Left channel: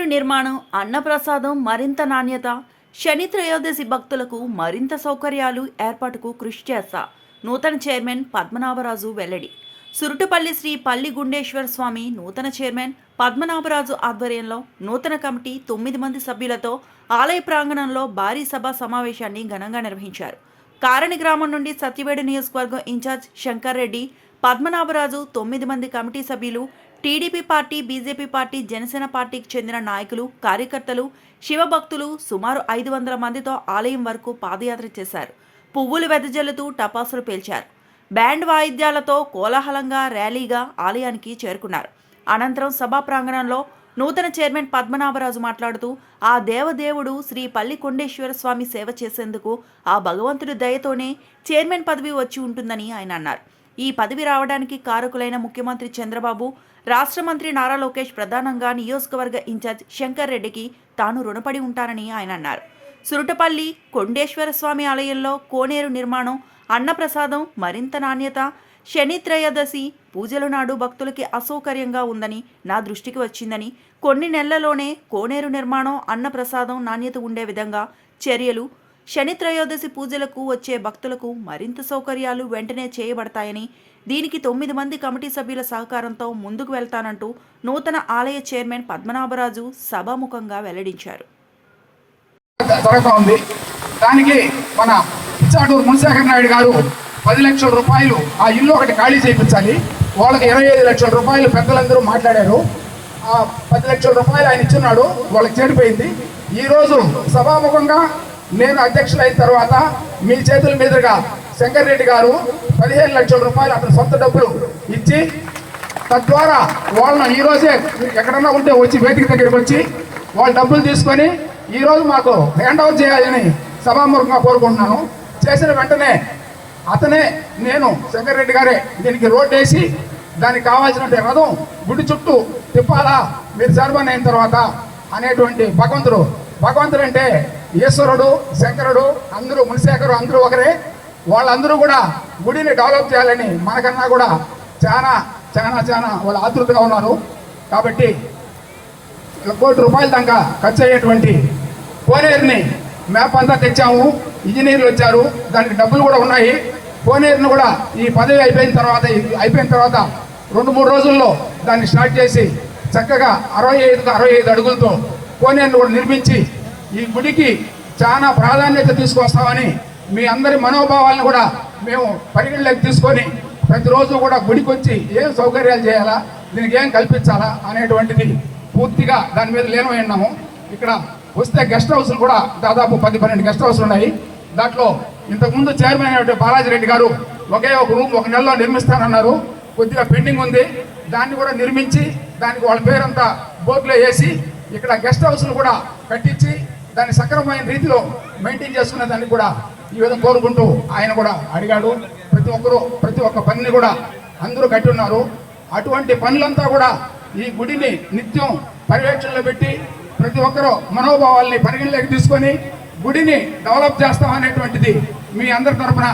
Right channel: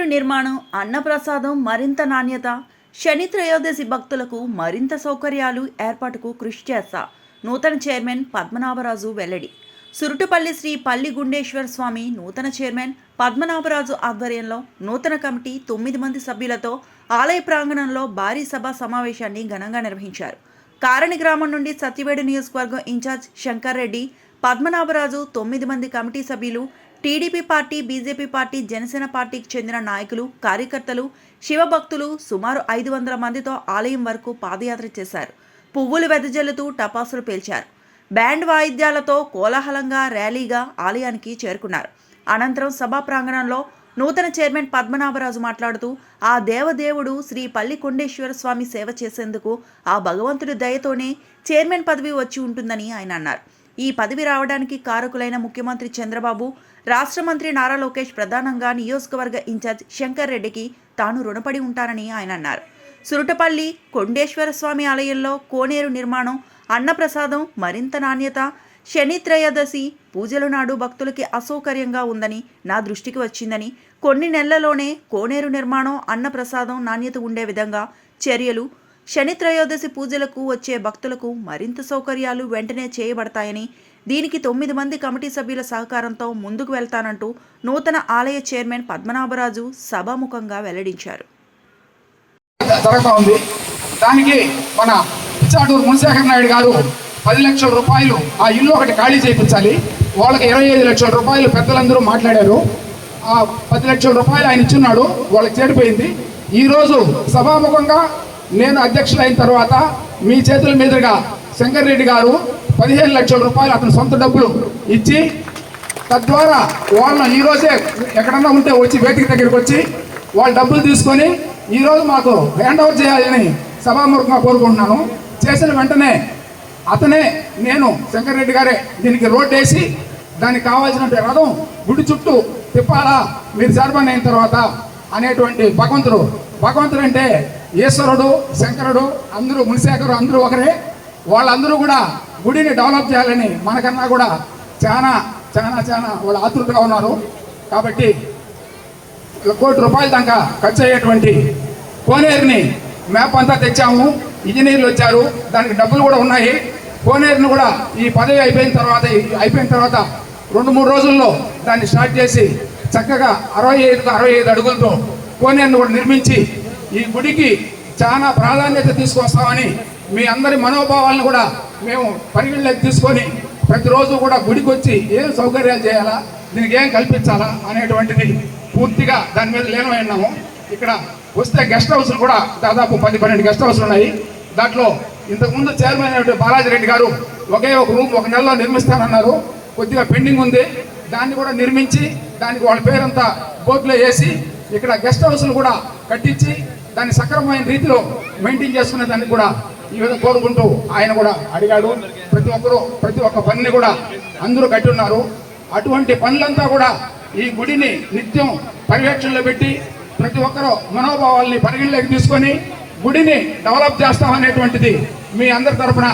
కోనేరు నిర్మాణం, అన్నప్రసాదం మరింత నాణ్యత, శని త్రయోదశి భక్తులకు మరింత సౌకర్యాలు ఏర్పాటుకు కృషి చేస్తా నూతన చైర్మన్ పద్మనాభరాజు వెల్లడి. సురుటుపల్లి శ్రీ పల్లి గుండేశ్వర స్వామి నూతన చైర్మన్ పద్మనాభరాజు ఆధ్వర్యంలో నూతన కమిటీ 9 మంది సభ్యులతో ఆలయ ప్రాంగణంలో భారీ సభా సమావేశాన్ని ఘనంగా నిర్వహించారు. కారణి గ్రామం నుండి సత్యవేడు నియోజకవర్గం ఇన్ఛార్జ్ శంకర్ రెడ్డి, పద్మనాభరాజు, 9 మంది కమిటీ సభ్యులు, TDP party, BJP party, Janasena పార్టీకి చెందిన నాయకులు, కార్యకర్తలు, శివభక్తులు సుమారు 500 మందితో ఆలయం వరకు పాదయాత్ర చేశారు. పువ్వులు వెదజల్లుతూ టపాసులు పేల్చారు. బ్యాండ్ వాయిద్యాలతో కోలాహలంగా ర్యాలీగా ఆలయానికి చేరుకున్నారు. అనంతరం సభా ప్రాంగణంలో నూతన చైర్మన్ పద్మనాభరాజు మాట్లాడుతూ, ఆ దేవదేవుడు శ్రీ పల్లి కొండేశ్వర స్వామి సేవ చేసేందుకు ఆ భగవంతుడి దయతోనే చైర్మన్ పదవి వచ్చి ఉంటుందని ఆయన అన్నారు. ఈ పదవి రావడానికి కారకులైన ముఖ్యమంత్రి చంద్రబాబు, రాష్ట్ర మంత్రి నారా లోకేష్, ప్రధానంగా నియోజకవర్గ ఇన్ఛార్జ్ శంకర్ రెడ్డికి తాను రుణపడి ఉంటానని ఆయన అన్నారు. సురుటపల్లి కొండేశ్వర స్వామి ఆలయంలో కోనేరు నిర్మాణం, అన్నప్రసాదం మరింత నాణ్యత, శని త్రయోదశి పూజల నాడు భక్తులకి అసౌకర్యంగా ఉందని నా దృష్టికి వచ్చిందని, కొన్ని నెలల్లోనే కోనేరు నిర్మాణం, అన్నప్రసాదం నాణ్యత ఉండే విధంగా చర్యలు, శని త్రయోదశి పూజలకు వచ్చే భక్తులకు మరింత సౌకర్యాలు వెంటనే చేయబడతాయని, దీనికి 9 మంది కమిటీ సభ్యుల సహకారంతో ముందుకు వెళ్తానంటూ నూతన ఆలయ చైర్మన్ పద్మనాభరాజు సభాముఖంగా వెల్లడించారు. దానికి మన పిచ్చాటూరు మునిశేఖర్ నాయుడు గారు 10 లక్షల రూపాయలు ఆ ఇల్లు ఒకటి ఖాళీ చేయించాలి, వాళ్ళకి 25 లక్షల రూపాయలు పెద్దలందరూ మాట్లాడారు. ఆ 10 లక్షల రూపాయలు ఆయన ఇచ్చున్నాడు, వాళ్ళకి చేరిపోయింది. ఈరోజు సభాముఖంగా నేను అధ్యక్షులైన తర్వాత మీ చేతుల మీదుగా శంకర్ రెడ్డి గారు 15 లక్షల రూపాయలు అతని సొంత డబ్బులు ఇచ్చి, తద్వారా వాళ్ళని ఈరోజే ఎక్కడన్నా ఉంటే వచ్చి వేదిక దగ్గరికి వచ్చి వాళ్ళ డబ్బులు తీసుకొని ఈరోజు మాకు హ్యాండ్ ఓవర్ చేయాలని సభాముఖంగా కోరుకుంటున్నాను. చేసిన వెంటనే అతనే నేను శంకర్ రెడ్డి గారే దీనికి రోడ్ వేసి దానికి కావాల్సిన రథం గుడి చుట్టూ తిప్పాలా మీరు చైర్మన్ అయిన తర్వాత అనేటువంటి భగవంతుడు అంటే ఈశ్వరుడు, శంకరుడు, అందరూ మునిశేఖరు అందరూ ఒకరే. వాళ్ళందరూ కూడా గుడిని డెవలప్ చేయాలని మనకన్నా కూడా చాలా చాలా చాలా వాళ్ళు ఆతృతగా ఉన్నారు. కాబట్టి 1 కోటి రూపాయల దాకా ఖర్చు అయ్యేటువంటి కోనేరుని మ్యాప్ అంతా తెచ్చాము, ఇంజనీర్లు వచ్చారు, దానికి డబ్బులు కూడా ఉన్నాయి. కోనేరుని కూడా ఈ పదవి అయిపోయిన తర్వాత 2-3 రోజుల్లో దాన్ని స్టార్ట్ చేసి చక్కగా 65 అడుగులతో కోనేరుని కూడా నిర్మించి ఈ గుడికి చాలా ప్రాధాన్యత తీసుకొస్తామని మీ అందరి మనోభావాలను కూడా మేము పరిగణలోకి తీసుకొని ప్రతిరోజు కూడా గుడికి వచ్చి ఏం సౌకర్యాలు చేయాలా, దీనికి ఏం కల్పించాలా అనేటువంటిది పూర్తిగా దాని మీద లీనమై ఉన్నాము. ఇక్కడ వస్తే గెస్ట్ హౌస్లు కూడా దాదాపు 10-12 గెస్ట్ హౌస్లు ఉన్నాయి. దాంట్లో ఇంతకుముందు చైర్మన్ అయిన బాలాజీ రెడ్డి గారు ఒకే ఒక రూమ్ 1 నెలలో నిర్మిస్తానన్నారు, కొద్దిగా పెండింగ్ ఉంది. దాన్ని కూడా నిర్మించి దానికి వాళ్ళ పేరంతా బోర్డులో వేసి ఇక్కడ గెస్ట్ హౌస్లు కూడా కట్టించి దాన్ని సక్రమమైన రీతిలో మెయింటైన్ చేసుకునే దాన్ని కూడా ఈ విధంగా కోరుకుంటూ ఆయన కూడా అడిగాడు. ప్రతి ఒక్క పనిని కూడా అందరూ కట్టి ఉన్నారు. అటువంటి పనులంతా కూడా ఈ గుడిని నిత్యం పర్యవేక్షణలో పెట్టి ప్రతి ఒక్కరూ మనోభావాల్ని పరిగణలోకి తీసుకొని గుడిని డెవలప్ చేస్తామనేటువంటిది మీ అందరి తరఫున